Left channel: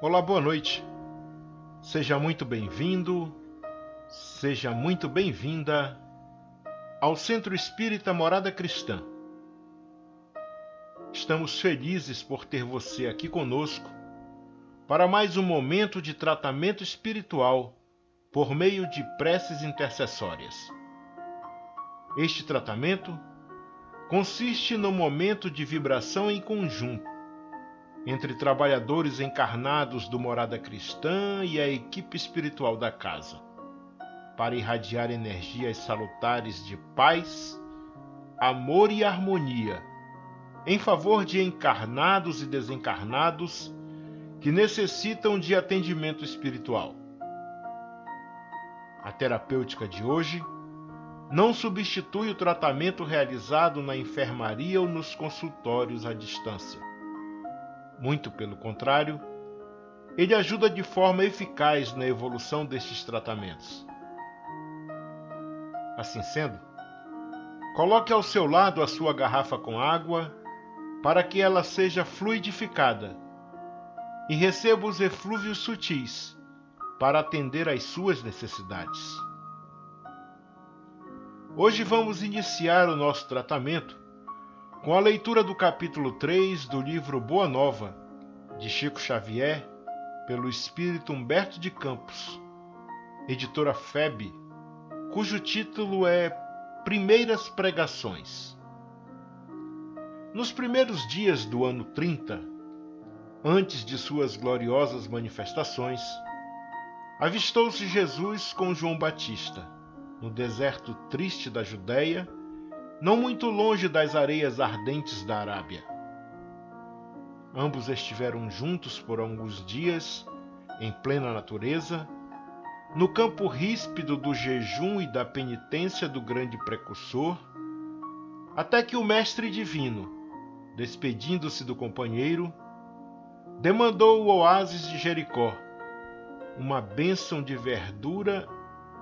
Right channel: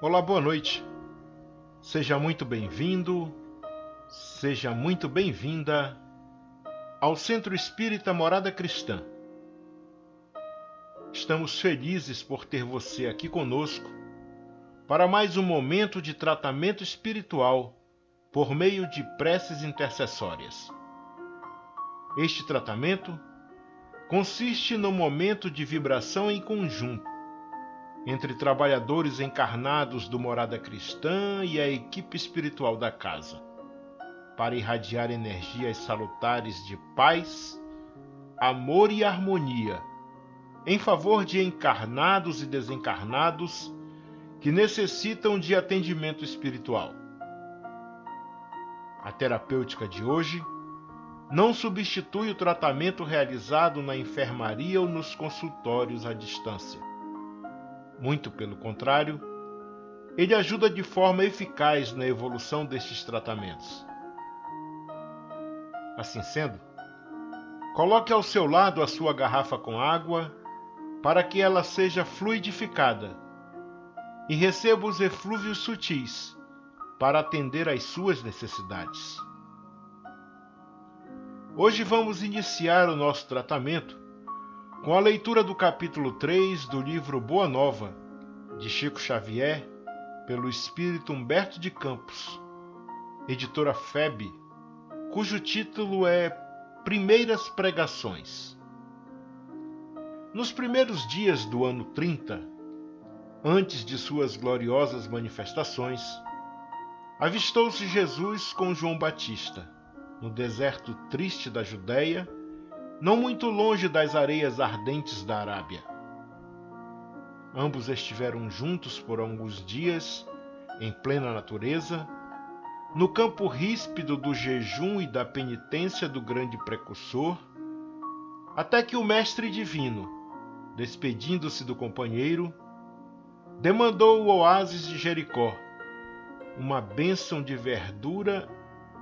Olá, boa noite. Seja muito bem-vindo, seja muito bem-vinda ao Centro Espírita Morada Cristã. Estamos felizes por ter você aqui conosco para mais um momento de tratamento espiritual por meio de preces intercessórias. Este tratamento consiste no momento de vibração em conjunto entre trabalhadores encarnados do Morada Cristã e a equipe espiritual da casa, para irradiar energias salutares de paz, amor e harmonia em favor de encarnados e desencarnados que necessitam de atendimento espiritual. A terapêutica de hoje não substitui o tratamento realizado na enfermaria ou nos consultórios à distância. Muito pelo contrário, ele ajuda de forma eficaz na evolução destes tratamentos. Assim sendo, coloque ao seu lado a sua garrafa com água para que ela seja fluidificada e receba os eflúvios sutis para atender às suas necessidades. Hoje vamos iniciar o nosso tratamento com a leitura do capítulo 3 do livro Boa Nova, de Chico Xavier, pelo espírito Humberto de Campos, editora FEB, cujo título é Primeiras Pregações. Nos primeiros dias do ano 30, antes de suas gloriosas manifestações, avistou-se Jesus com João Batista, no deserto triste da Judéia, não muito longe das areias ardentes da Arábia. Ambos estiveram juntos por alguns dias, em plena natureza, no campo ríspido do jejum e da penitência do grande precursor, até que o Mestre Divino, despedindo-se do companheiro, demandou o oásis de Jericó, uma bênção de verdura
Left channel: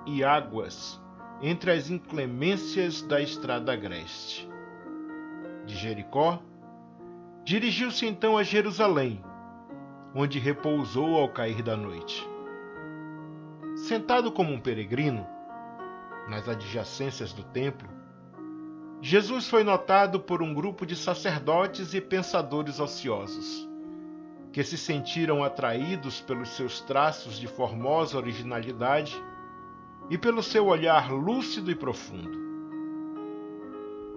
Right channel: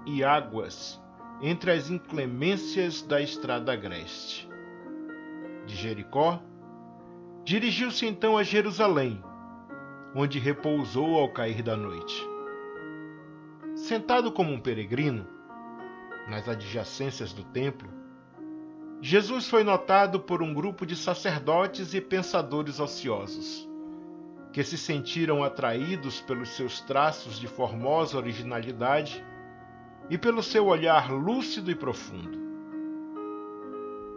e águas entre as inclemências da estrada agreste. De Jericó, dirigiu-se então a Jerusalém, onde repousou ao cair da noite. Sentado como um peregrino, nas adjacências do templo, Jesus foi notado por um grupo de sacerdotes e pensadores ociosos, que se sentiram atraídos pelos seus traços de formosa originalidade e pelo seu olhar lúcido e profundo.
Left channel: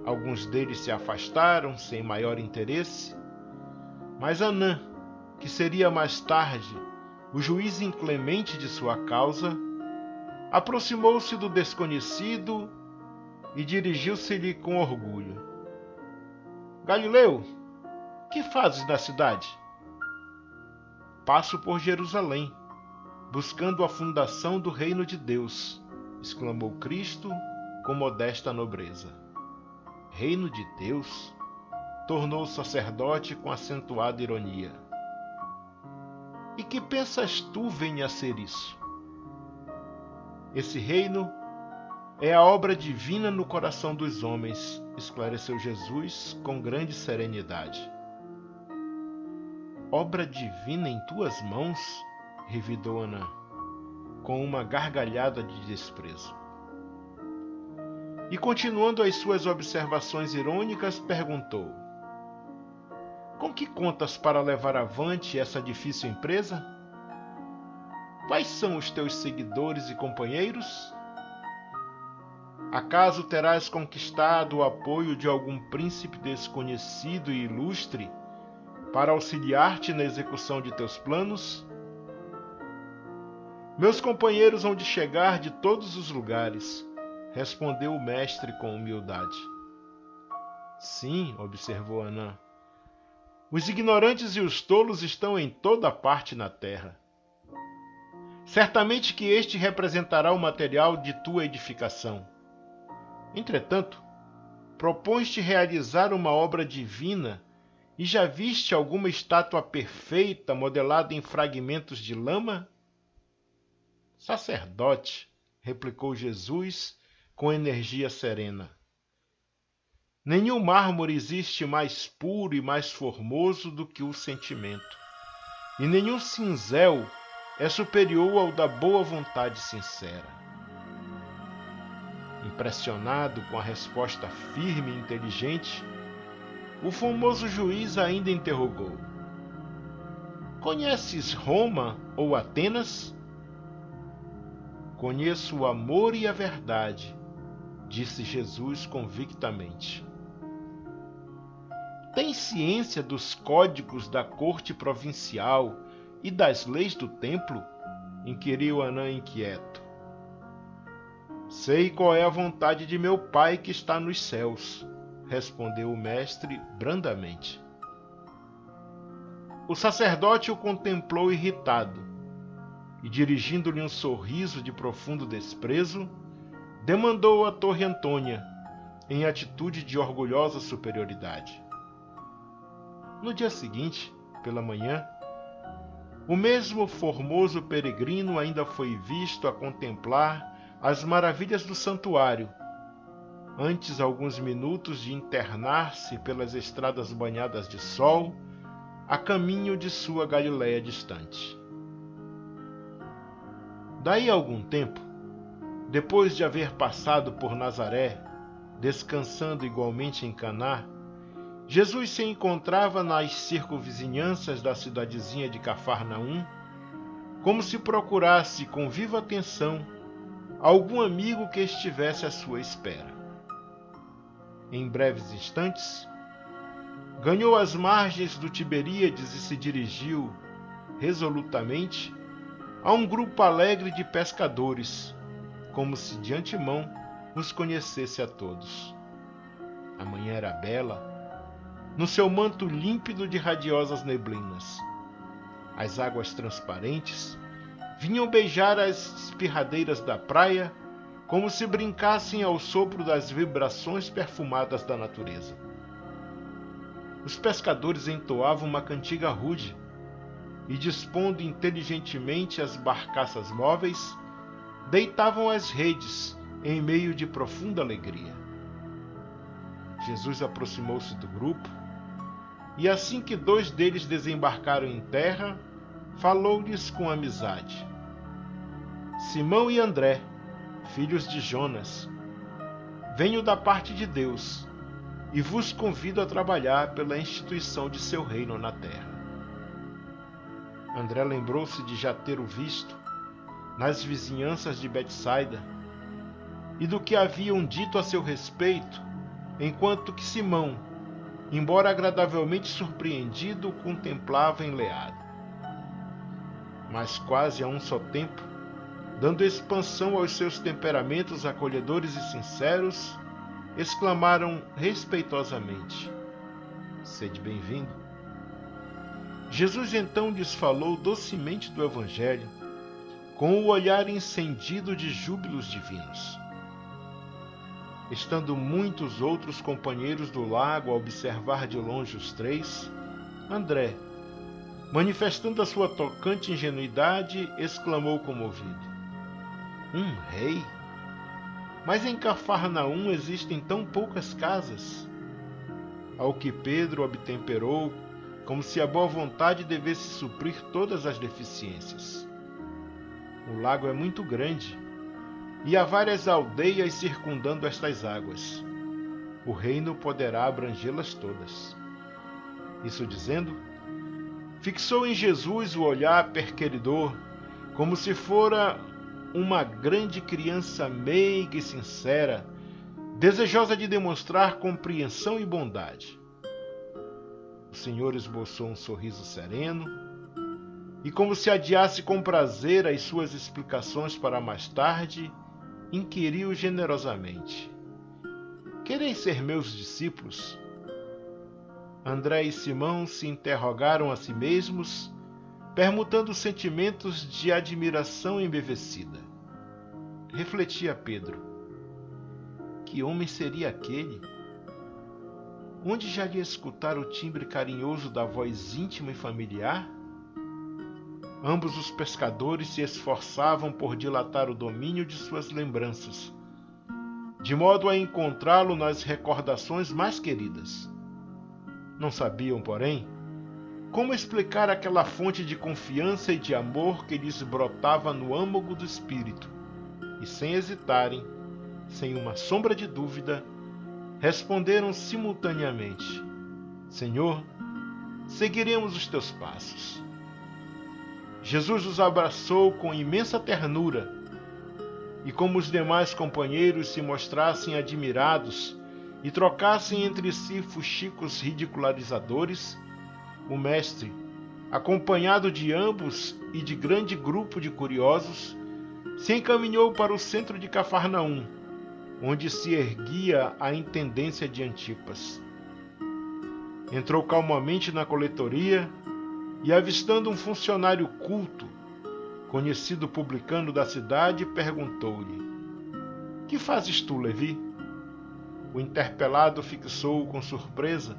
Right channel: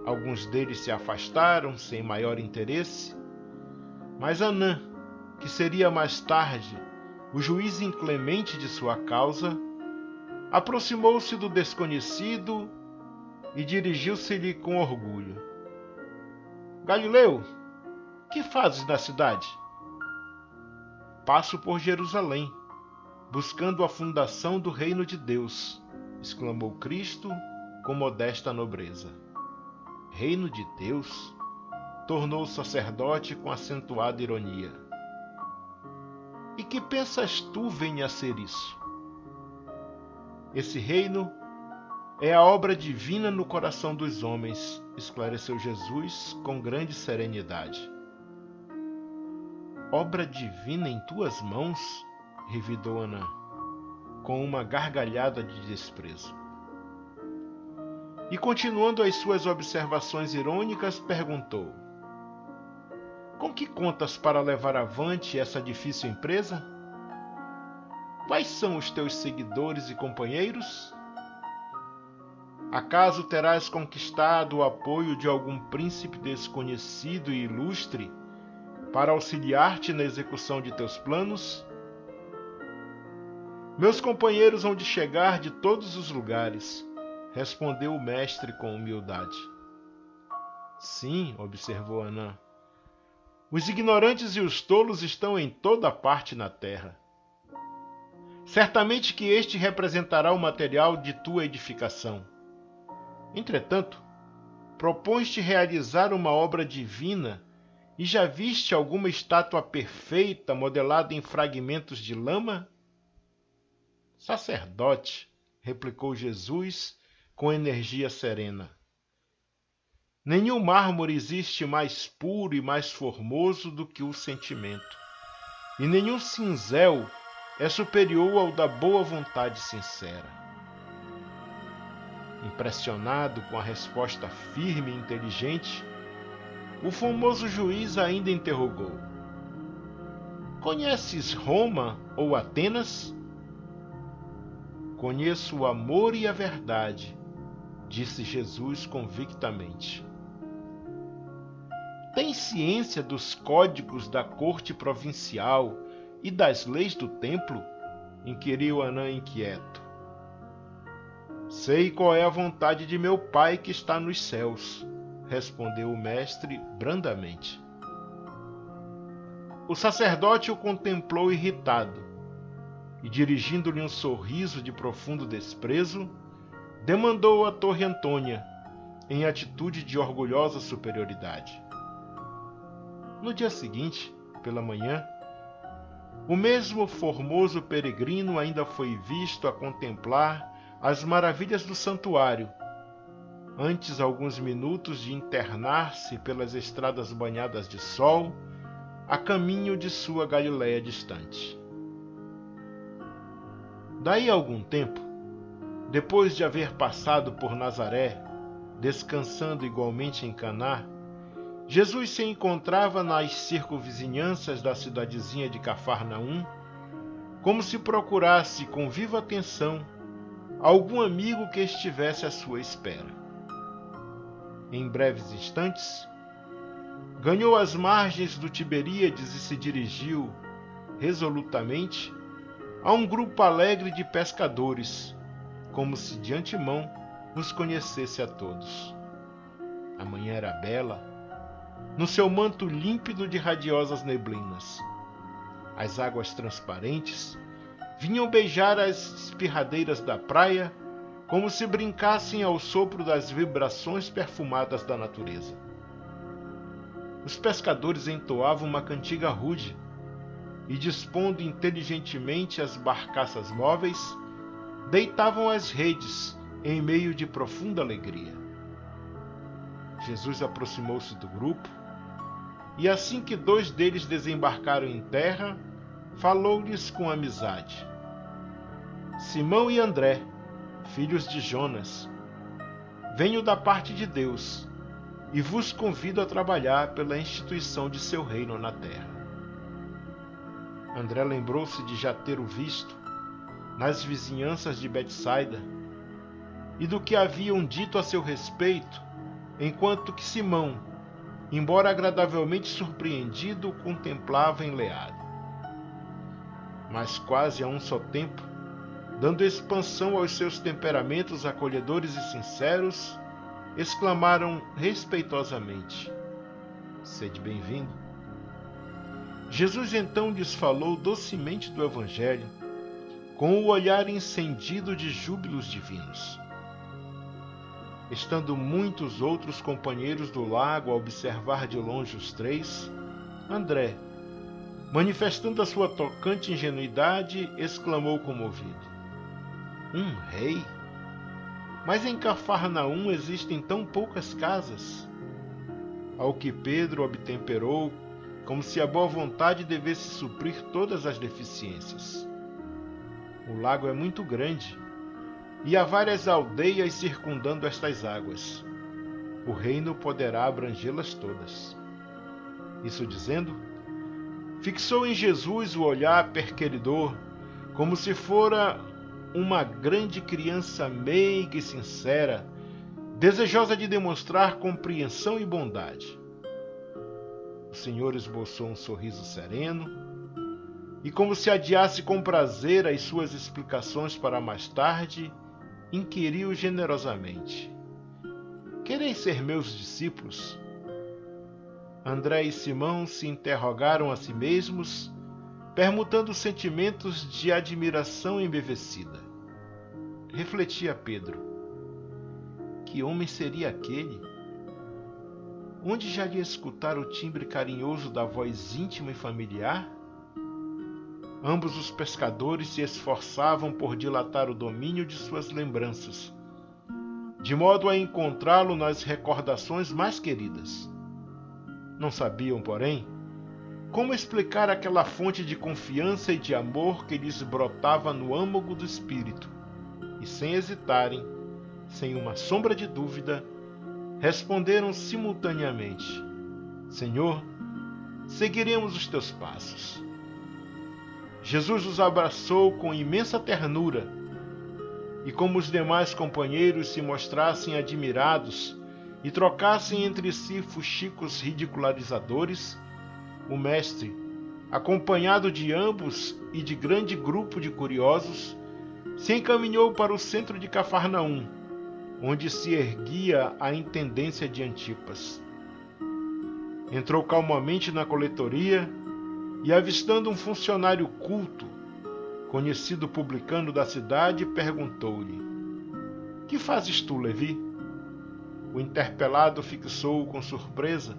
Alguns deles se afastaram sem maior interesse, mas Anã, que seria mais tarde o juiz inclemente de sua causa, aproximou-se do desconhecido e dirigiu-se-lhe com orgulho. Galileu, que fazes na cidade? Passo por Jerusalém, buscando a fundação do reino de Deus, exclamou Cristo com modesta nobreza. Reino de Deus? Tornou o sacerdote com acentuada ironia. E que pensas tu venha a ser isso? Esse reino é a obra divina no coração dos homens, esclareceu Jesus com grande serenidade. Obra divina em tuas mãos? Revidou Anã, com uma gargalhada de desprezo. E continuando as suas observações irônicas, perguntou: Com que contas para levar avante essa difícil empresa? Quais são os teus seguidores e companheiros? Acaso terás conquistado o apoio de algum príncipe desconhecido e ilustre para auxiliar-te na execução de teus planos? Meus companheiros hão de chegar de todos os lugares, respondeu o mestre com humildade. Sim, observou Anã, os ignorantes e os tolos estão em toda parte na terra. Certamente que este representará o material de tua edificação. Entretanto, propões-te realizar uma obra divina e já viste alguma estátua perfeita modelada em fragmentos de lama? Sacerdote, replicou Jesus com energia serena. Nenhum mármore existe mais puro e mais formoso do que o sentimento. e nenhum cinzel é superior ao da boa vontade sincera. Impressionado com a resposta firme e inteligente, o famoso juiz ainda interrogou: Conheces Roma ou Atenas? Conheço o amor e a verdade, disse Jesus convictamente. Tem ciência dos códigos da corte provincial e das leis do templo? Inquiriu Anã inquieto. Sei qual é a vontade de meu Pai que está nos céus, respondeu o mestre brandamente. O sacerdote o contemplou irritado e, dirigindo-lhe um sorriso de profundo desprezo, demandou a Torre Antônia, em atitude de orgulhosa superioridade. No dia seguinte, pela manhã, o mesmo formoso peregrino ainda foi visto a contemplar as maravilhas do santuário, antes alguns minutos de internar-se pelas estradas banhadas de sol, a caminho de sua Galiléia distante. Daí a algum tempo, depois de haver passado por Nazaré, descansando igualmente em Caná, Jesus se encontrava nas circunvizinhanças da cidadezinha de Cafarnaum, como se procurasse com viva atenção algum amigo que estivesse à sua espera. Em breves instantes, ganhou as margens do Tiberíades e se dirigiu, resolutamente, a um grupo alegre de pescadores, como se de antemão os conhecesse a todos. A manhã era bela, no seu manto límpido de radiosas neblinas. As águas transparentes vinham beijar as espirradeiras da praia como se brincassem ao sopro das vibrações perfumadas da natureza. Os pescadores entoavam uma cantiga rude e, dispondo inteligentemente as barcaças móveis, deitavam as redes em meio de profunda alegria. Jesus aproximou-se do grupo e, assim que 2 deles desembarcaram em terra, falou-lhes com amizade. Simão e André, filhos de Jonas, venho da parte de Deus e vos convido a trabalhar pela instituição de seu reino na terra. André lembrou-se de já ter o visto nas vizinhanças de Betsaida e do que haviam dito a seu respeito, enquanto que Simão, embora agradavelmente surpreendido, o contemplava enleado. Mas quase a um só tempo, dando expansão aos seus temperamentos acolhedores e sinceros, exclamaram respeitosamente: Sede bem-vindo. Jesus então lhes falou docemente do Evangelho, com o olhar encendido de júbilos divinos. Estando muitos outros companheiros do lago a observar de longe os 3, André, manifestando a sua tocante ingenuidade, exclamou comovido: Um rei? Mas em Cafarnaum existem tão poucas casas. Ao que Pedro obtemperou, como se a boa vontade devesse suprir todas as deficiências. O lago é muito grande, e há várias aldeias circundando estas águas. O reino poderá abrangê-las todas. Isso dizendo, fixou em Jesus o olhar perqueridor, como se fora uma grande criança meiga e sincera, desejosa de demonstrar compreensão e bondade. O Senhor esboçou um sorriso sereno e, como se adiasse com prazer as suas explicações para mais tarde, inquiriu generosamente: Quereis ser meus discípulos? André e Simão se interrogaram a si mesmos, permutando sentimentos de admiração embevecida. Refletia Pedro: que homem seria aquele? Onde já lhe escutara o timbre carinhoso da voz íntima e familiar? Ambos os pescadores se esforçavam por dilatar o domínio de suas lembranças, de modo a encontrá-lo nas recordações mais queridas. Não sabiam, porém, Como explicar aquela fonte de confiança e de amor que lhes brotava no âmago do espírito? E sem hesitarem, sem uma sombra de dúvida, responderam simultaneamente: Senhor, seguiremos os teus passos. Jesus os abraçou com imensa ternura, e como os demais companheiros se mostrassem admirados e trocassem entre si fuxicos ridicularizadores, o mestre, acompanhado de ambos e de grande grupo de curiosos, se encaminhou para o centro de Cafarnaum, onde se erguia a intendência de Antipas. Entrou calmamente na coletoria e, avistando um funcionário culto, conhecido publicano da cidade, perguntou-lhe: Que fazes tu, Levi? O interpelado fixou-o com surpresa,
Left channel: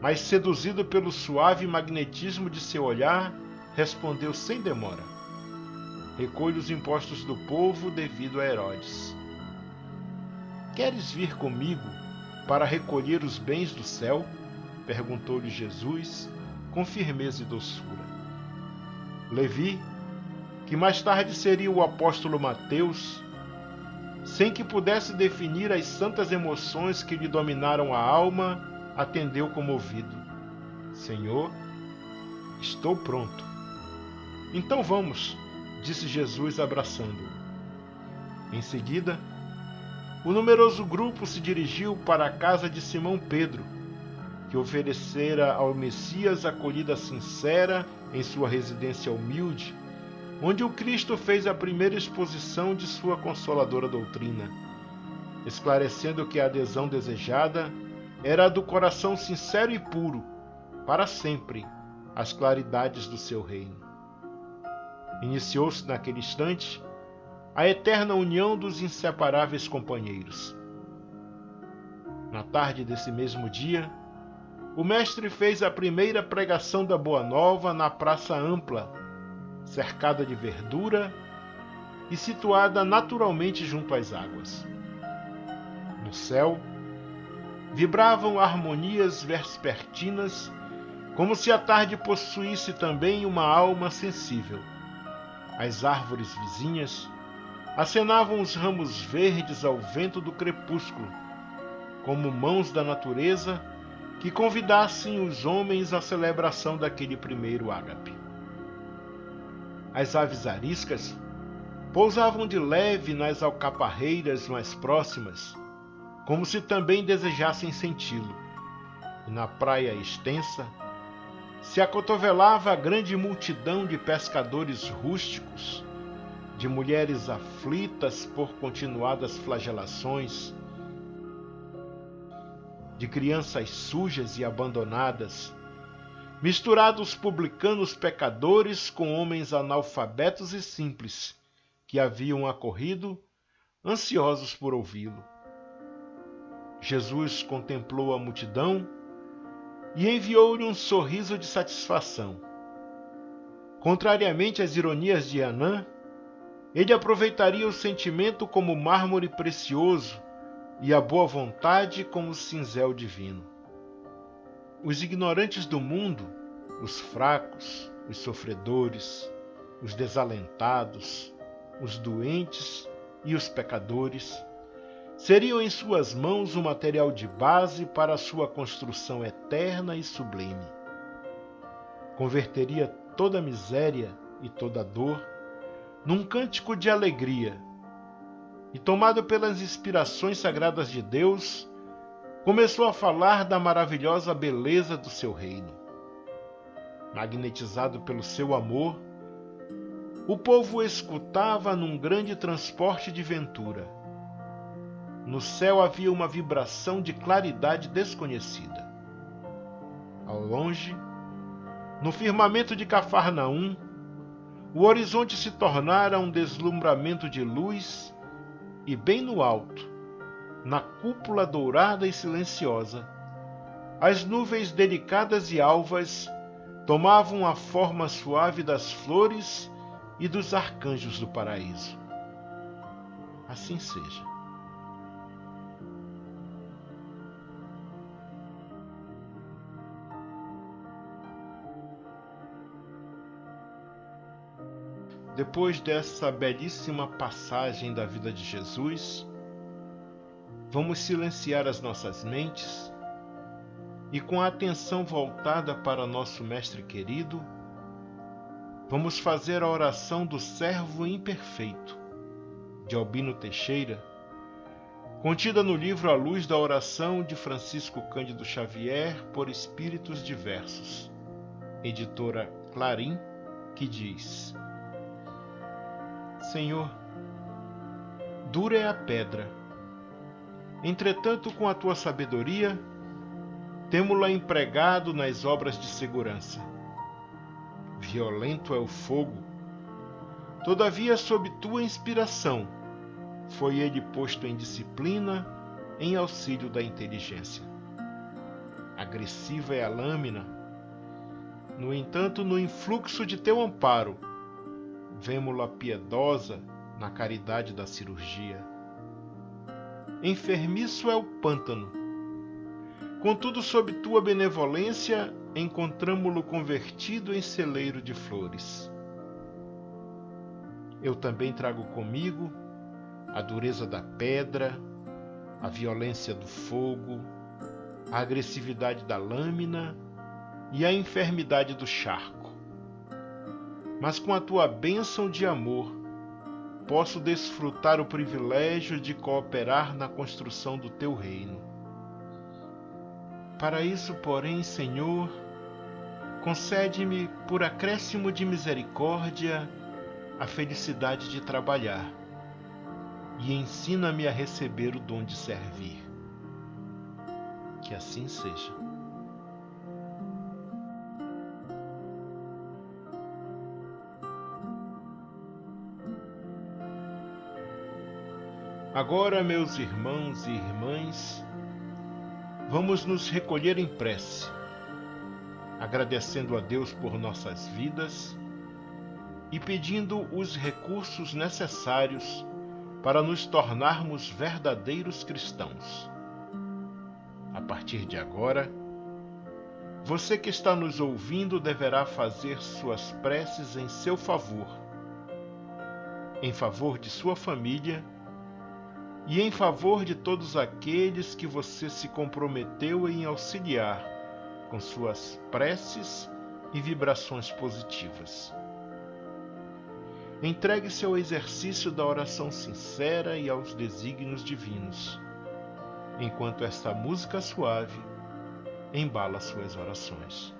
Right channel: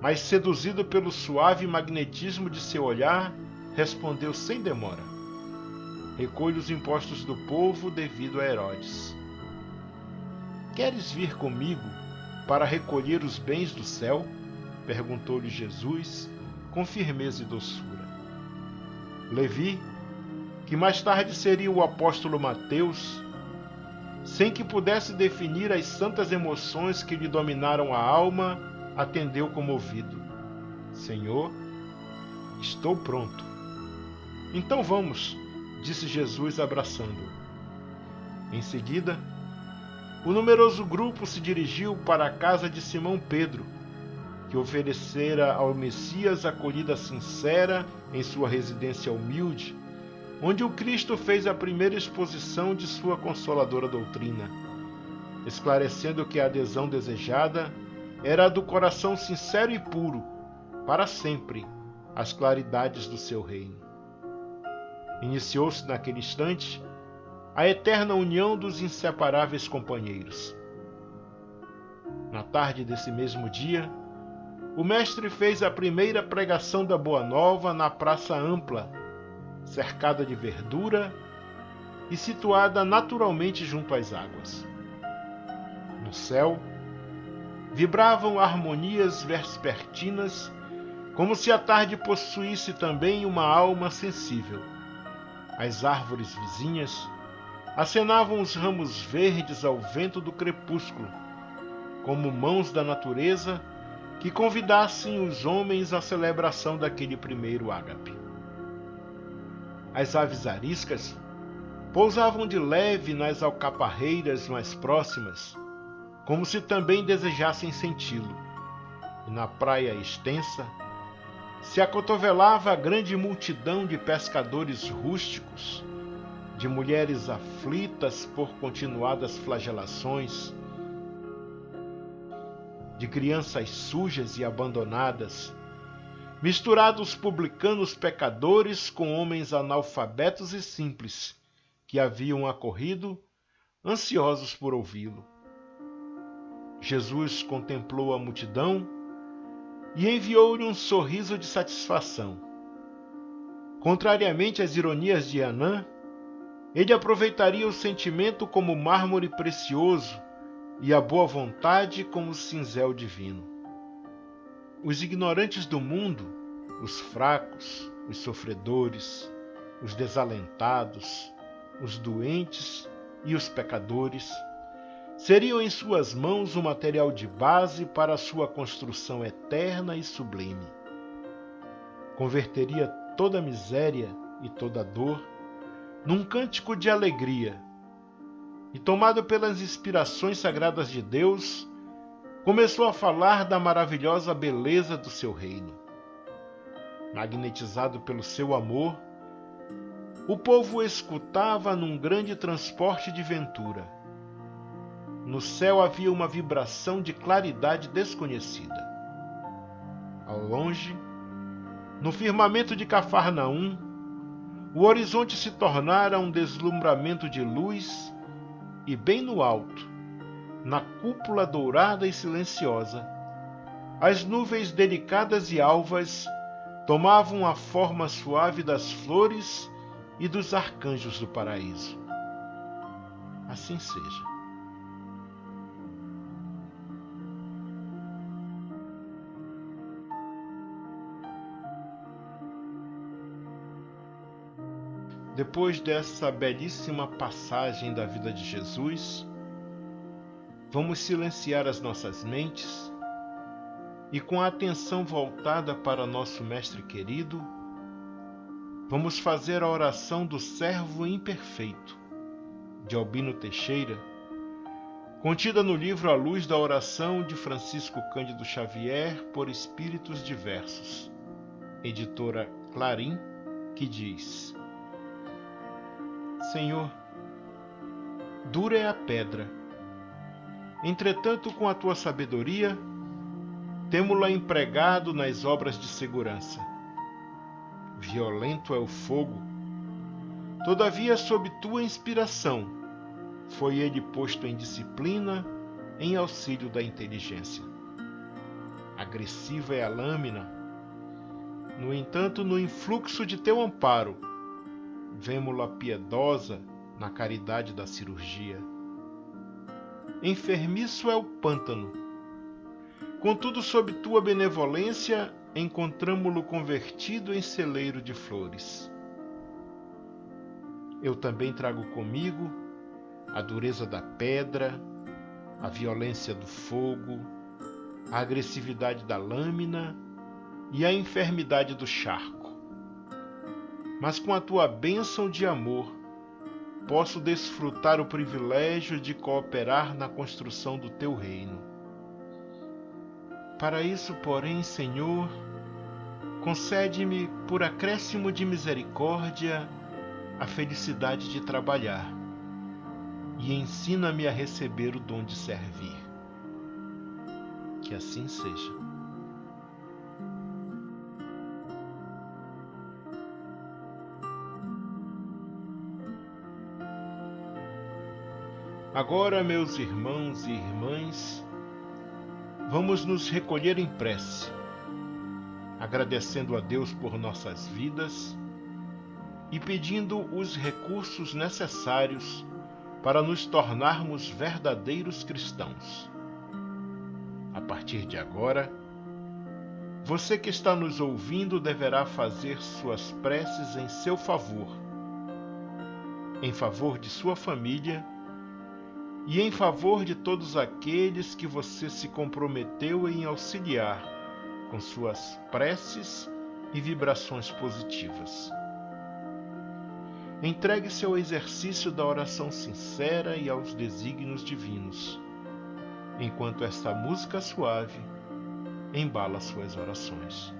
mas, seduzido pelo suave magnetismo de seu olhar, respondeu sem demora: Recolho os impostos do povo devido a Herodes. Queres vir comigo para recolher os bens do céu? Perguntou-lhe Jesus com firmeza e doçura. Levi, que mais tarde seria o apóstolo Mateus, sem que pudesse definir as santas emoções que lhe dominaram a alma, atendeu comovido: Senhor, estou pronto. Então vamos, disse Jesus abraçando-o. Em seguida, o numeroso grupo se dirigiu para a casa de Simão Pedro, que oferecera ao Messias acolhida sincera em sua residência humilde, onde o Cristo fez a primeira exposição de sua consoladora doutrina, esclarecendo que a adesão desejada era a do coração sincero e puro, para sempre, às claridades do seu reino. Iniciou-se naquele instante a eterna união dos inseparáveis companheiros. Na tarde desse mesmo dia, o mestre fez a primeira pregação da Boa Nova na praça ampla, cercada de verdura e situada naturalmente junto às águas. No céu, vibravam harmonias vespertinas, como se a tarde possuísse também uma alma sensível. As árvores vizinhas acenavam os ramos verdes ao vento do crepúsculo, como mãos da natureza que convidassem os homens à celebração daquele primeiro ágape. As aves ariscas pousavam de leve nas alcaparreiras mais próximas, como se também desejassem senti-lo, e na praia extensa se acotovelava a grande multidão de pescadores rústicos, de mulheres aflitas por continuadas flagelações, de crianças sujas e abandonadas, misturados publicanos pecadores com homens analfabetos e simples que haviam acorrido, ansiosos por ouvi-lo. Jesus contemplou a multidão e enviou-lhe um sorriso de satisfação. Contrariamente às ironias de Anã, ele aproveitaria o sentimento como mármore precioso e a boa vontade como cinzel divino. Os ignorantes do mundo, os fracos, os sofredores, os desalentados, os doentes e os pecadores, seriam em suas mãos o material de base para a sua construção eterna e sublime. Converteria toda miséria e toda dor num cântico de alegria, e, tomado pelas inspirações sagradas de Deus, começou a falar da maravilhosa beleza do seu reino. Magnetizado pelo seu amor, o povo o escutava num grande transporte de ventura. No céu havia uma vibração de claridade desconhecida. Ao longe, no firmamento de Cafarnaum, o horizonte se tornara um deslumbramento de luz e, bem no alto, na cúpula dourada e silenciosa, as nuvens delicadas e alvas tomavam a forma suave das flores e dos arcanjos do paraíso. Assim seja. depois dessa belíssima passagem da vida de Jesus, vamos silenciar as nossas mentes e, com a atenção voltada para nosso Mestre querido, vamos fazer a oração do servo imperfeito, de Albino Teixeira, contida no livro A Luz da Oração de Francisco Cândido Xavier por Espíritos Diversos, editora Clarim, que diz: Senhor, dura é a pedra, entretanto, com a tua sabedoria, temo-la empregado nas obras de segurança. Violento é o fogo, todavia, sob tua inspiração, foi ele posto em disciplina, em auxílio da inteligência. Agressiva é a lâmina, no entanto, no influxo de teu amparo, vemo-la piedosa na caridade da cirurgia. Enfermiço é o pântano, contudo, sob tua benevolência, encontramo-lo convertido em celeiro de flores. Eu também trago comigo a dureza da pedra, a violência do fogo, a agressividade da lâmina e a enfermidade do charco. Mas com a tua bênção de amor, posso desfrutar o privilégio de cooperar na construção do teu reino. Para isso, porém, Senhor, concede-me, por acréscimo de misericórdia, a felicidade de trabalhar e ensina-me a receber o dom de servir. Que assim seja. Agora, meus irmãos e irmãs, vamos nos recolher em prece, agradecendo a Deus por nossas vidas e pedindo os recursos necessários para nos tornarmos verdadeiros cristãos. A partir de agora, você que está nos ouvindo deverá fazer suas preces em seu favor, em favor de sua família e em favor de todos aqueles que você se comprometeu em auxiliar com suas preces e vibrações positivas. Entregue-se ao exercício da oração sincera e aos desígnios divinos, enquanto esta música suave embala suas orações.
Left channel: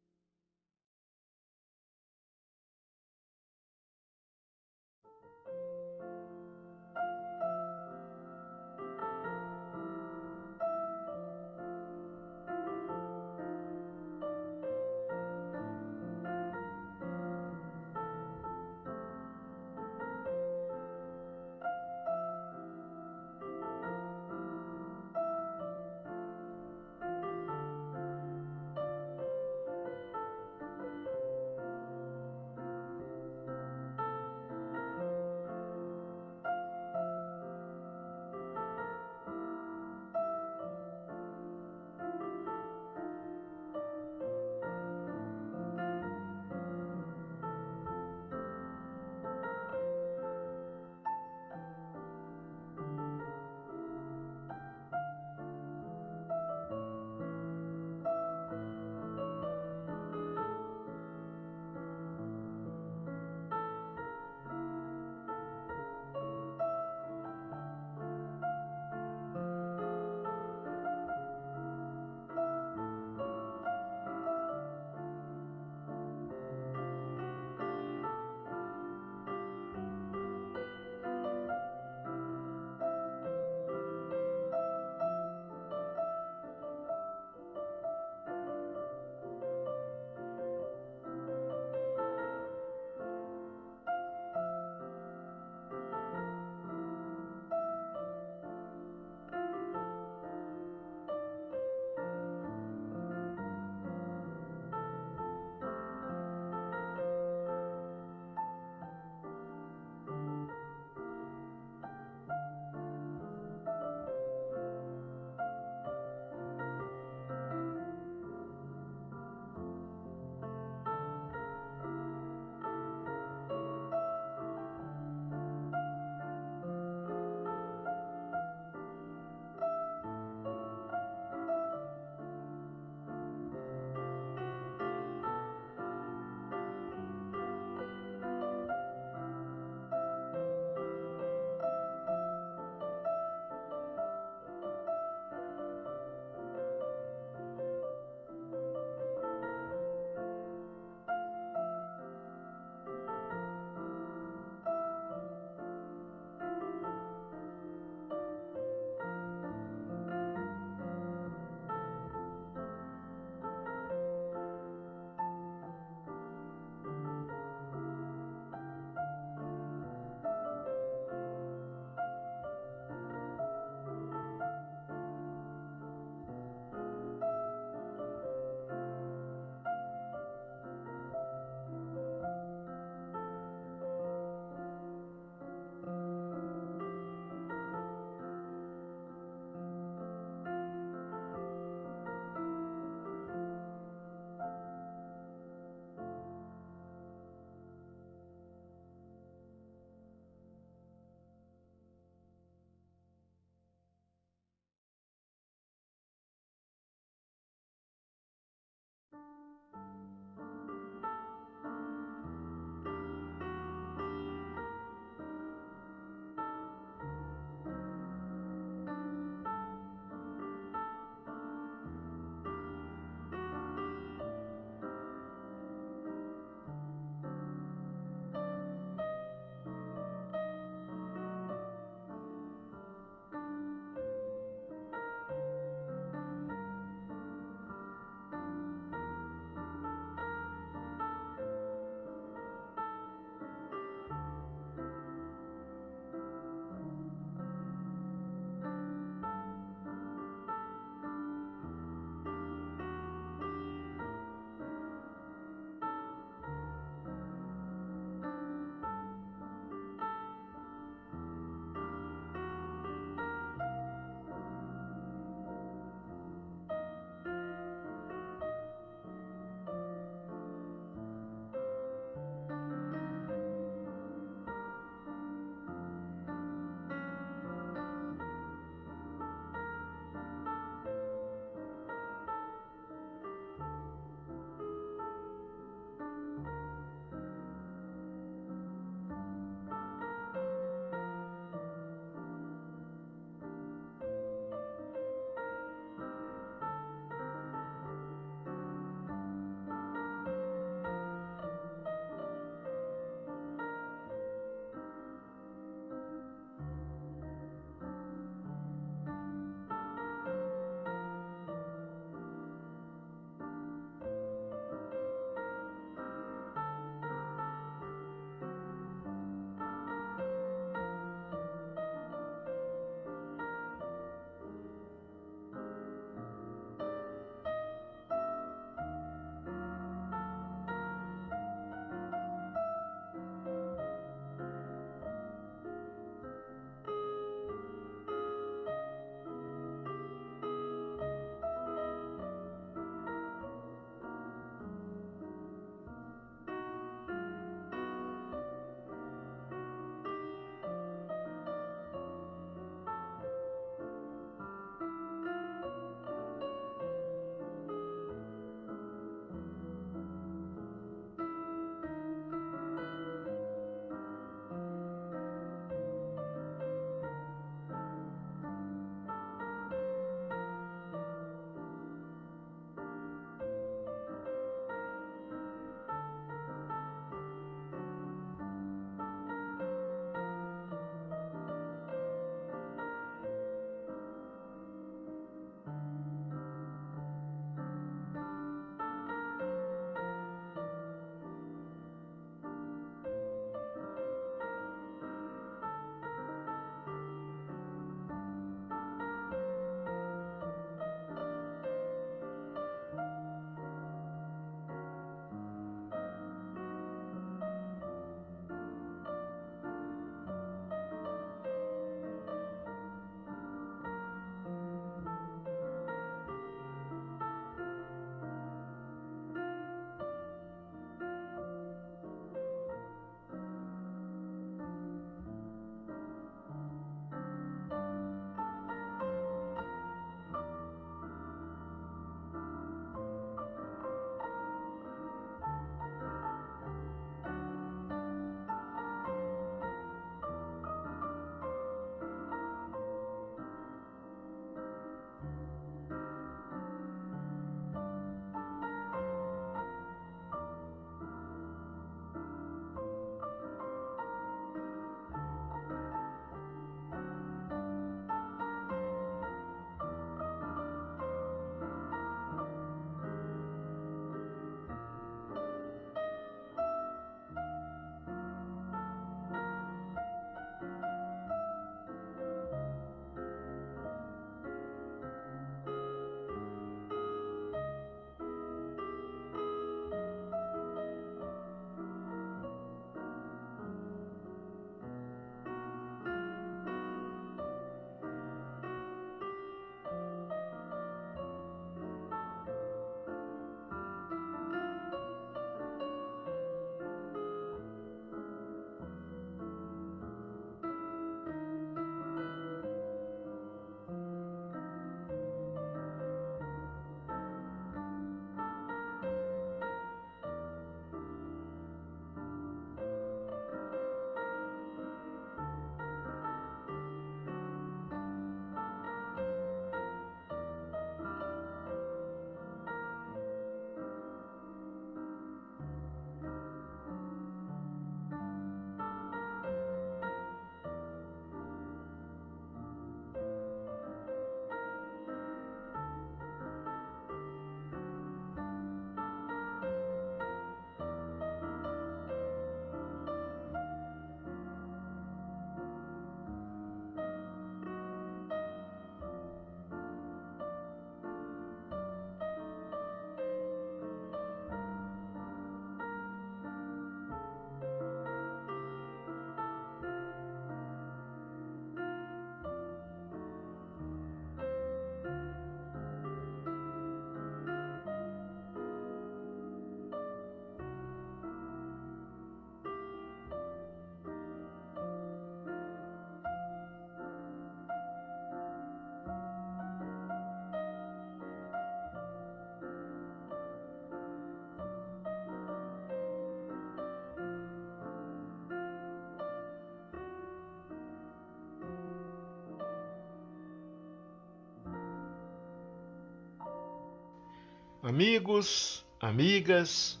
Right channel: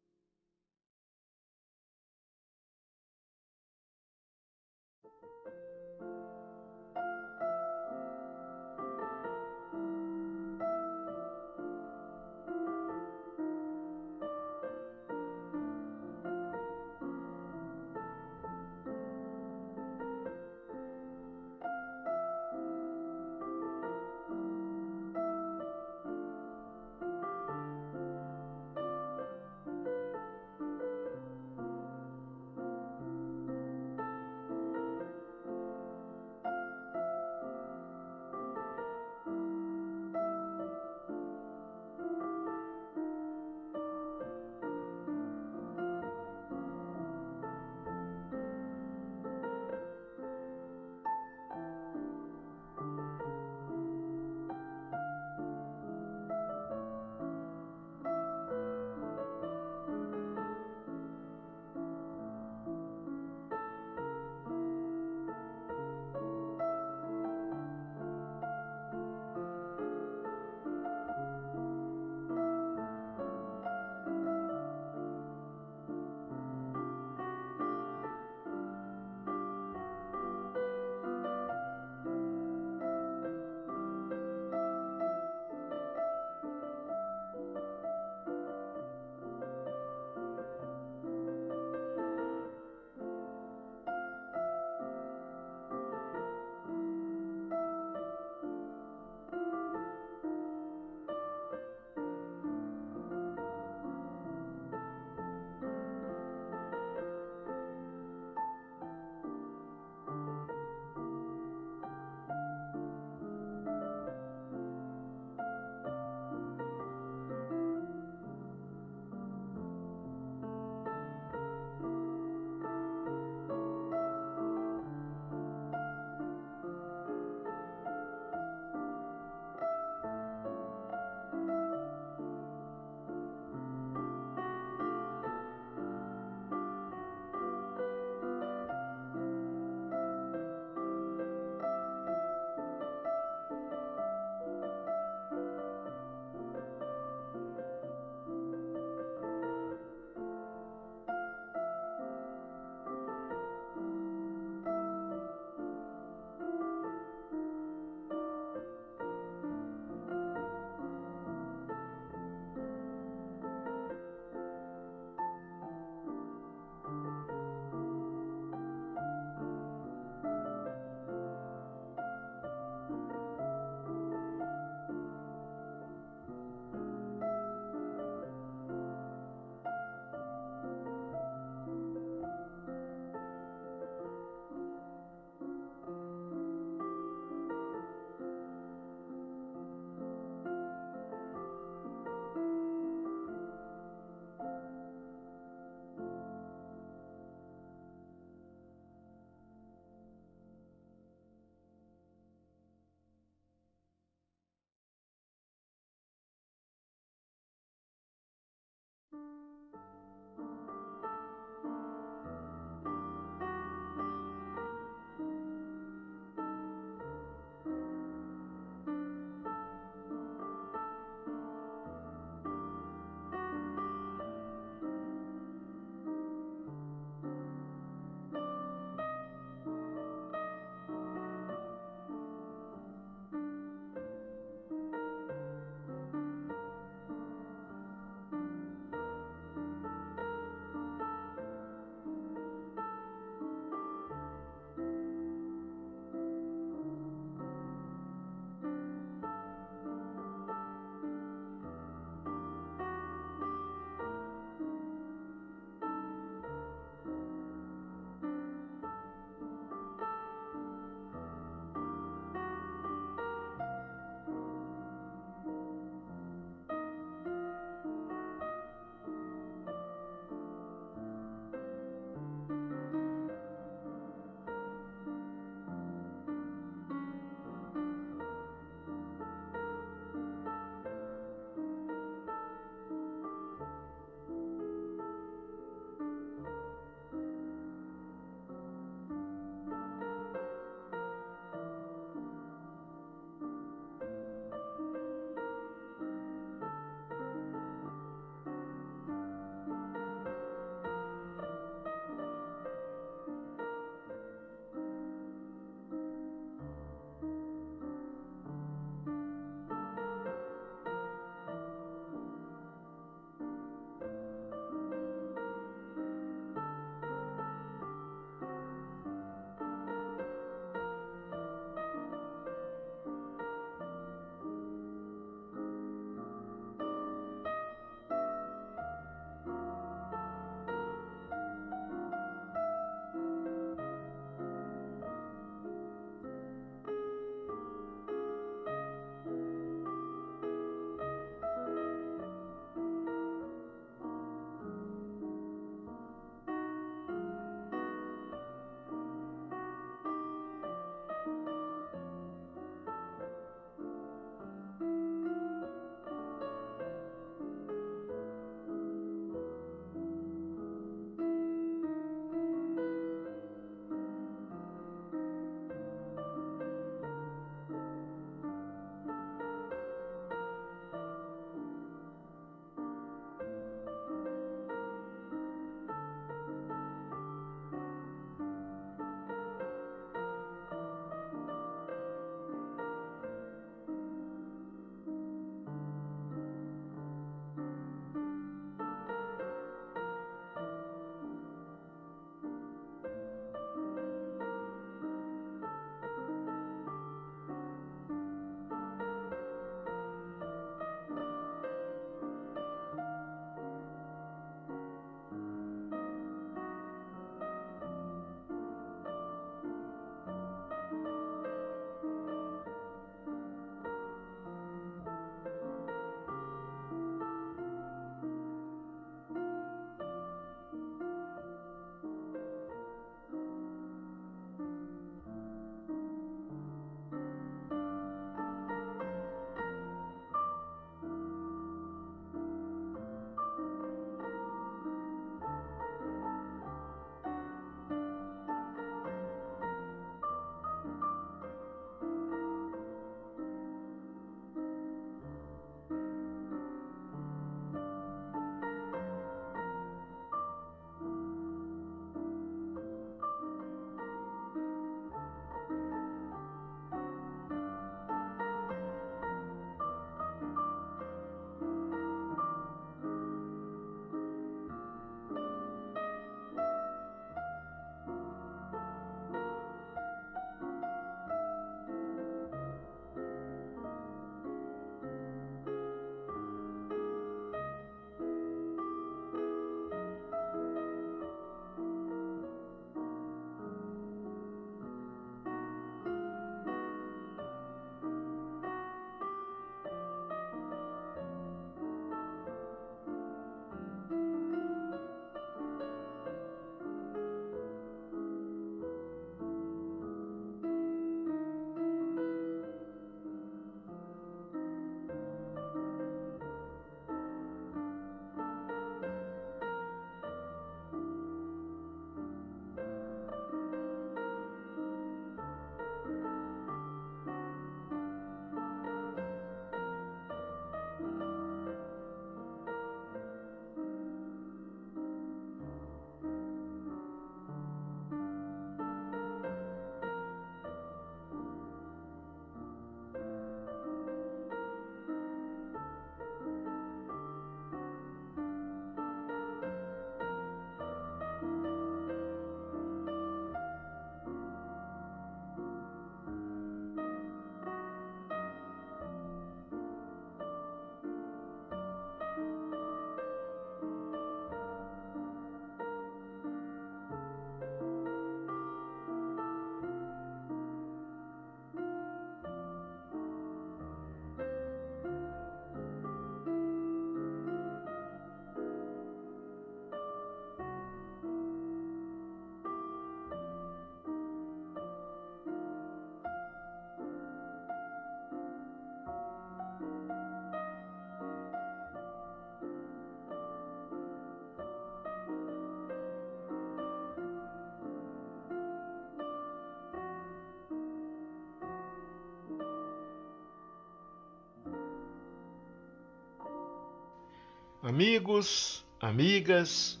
Amigos, amigas,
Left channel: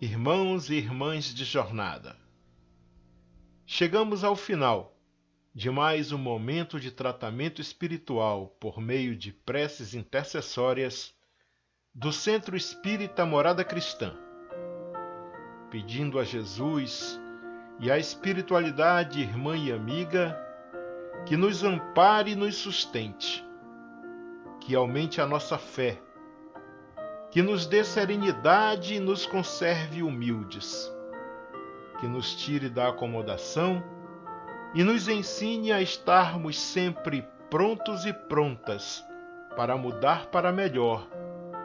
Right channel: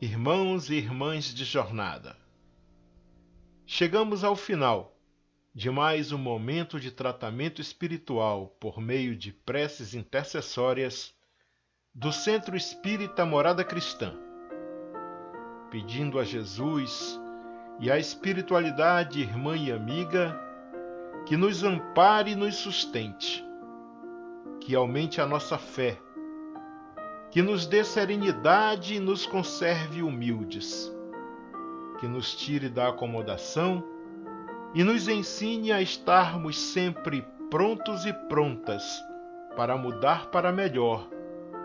irmãos e irmãs de jornada, chegamos ao final de mais um momento de tratamento espiritual por meio de preces intercessórias do Centro Espírita Morada Cristã, pedindo a Jesus e à espiritualidade irmã e amiga que nos ampare e nos sustente, que aumente a nossa fé, que nos dê serenidade e nos conserve humildes, que nos tire da acomodação e nos ensine a estarmos sempre prontos e prontas para mudar para melhor,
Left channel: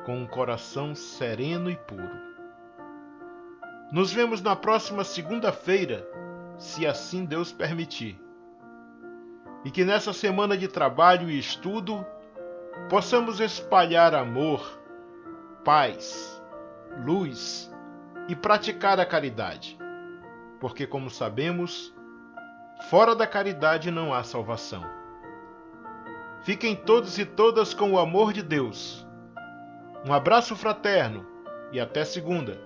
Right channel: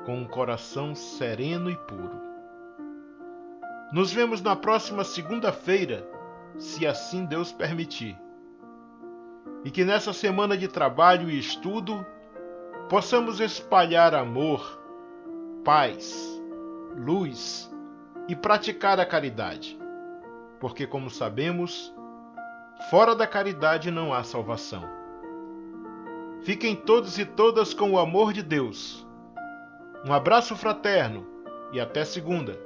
com um coração sereno e puro. Nos vemos na próxima segunda-feira, se assim Deus permitir. E que nessa semana de trabalho e estudo possamos espalhar amor, paz, luz e praticar a caridade, porque, como sabemos, fora da caridade não há salvação. Fiquem todos e todas com o amor de Deus. Um abraço fraterno e até segunda.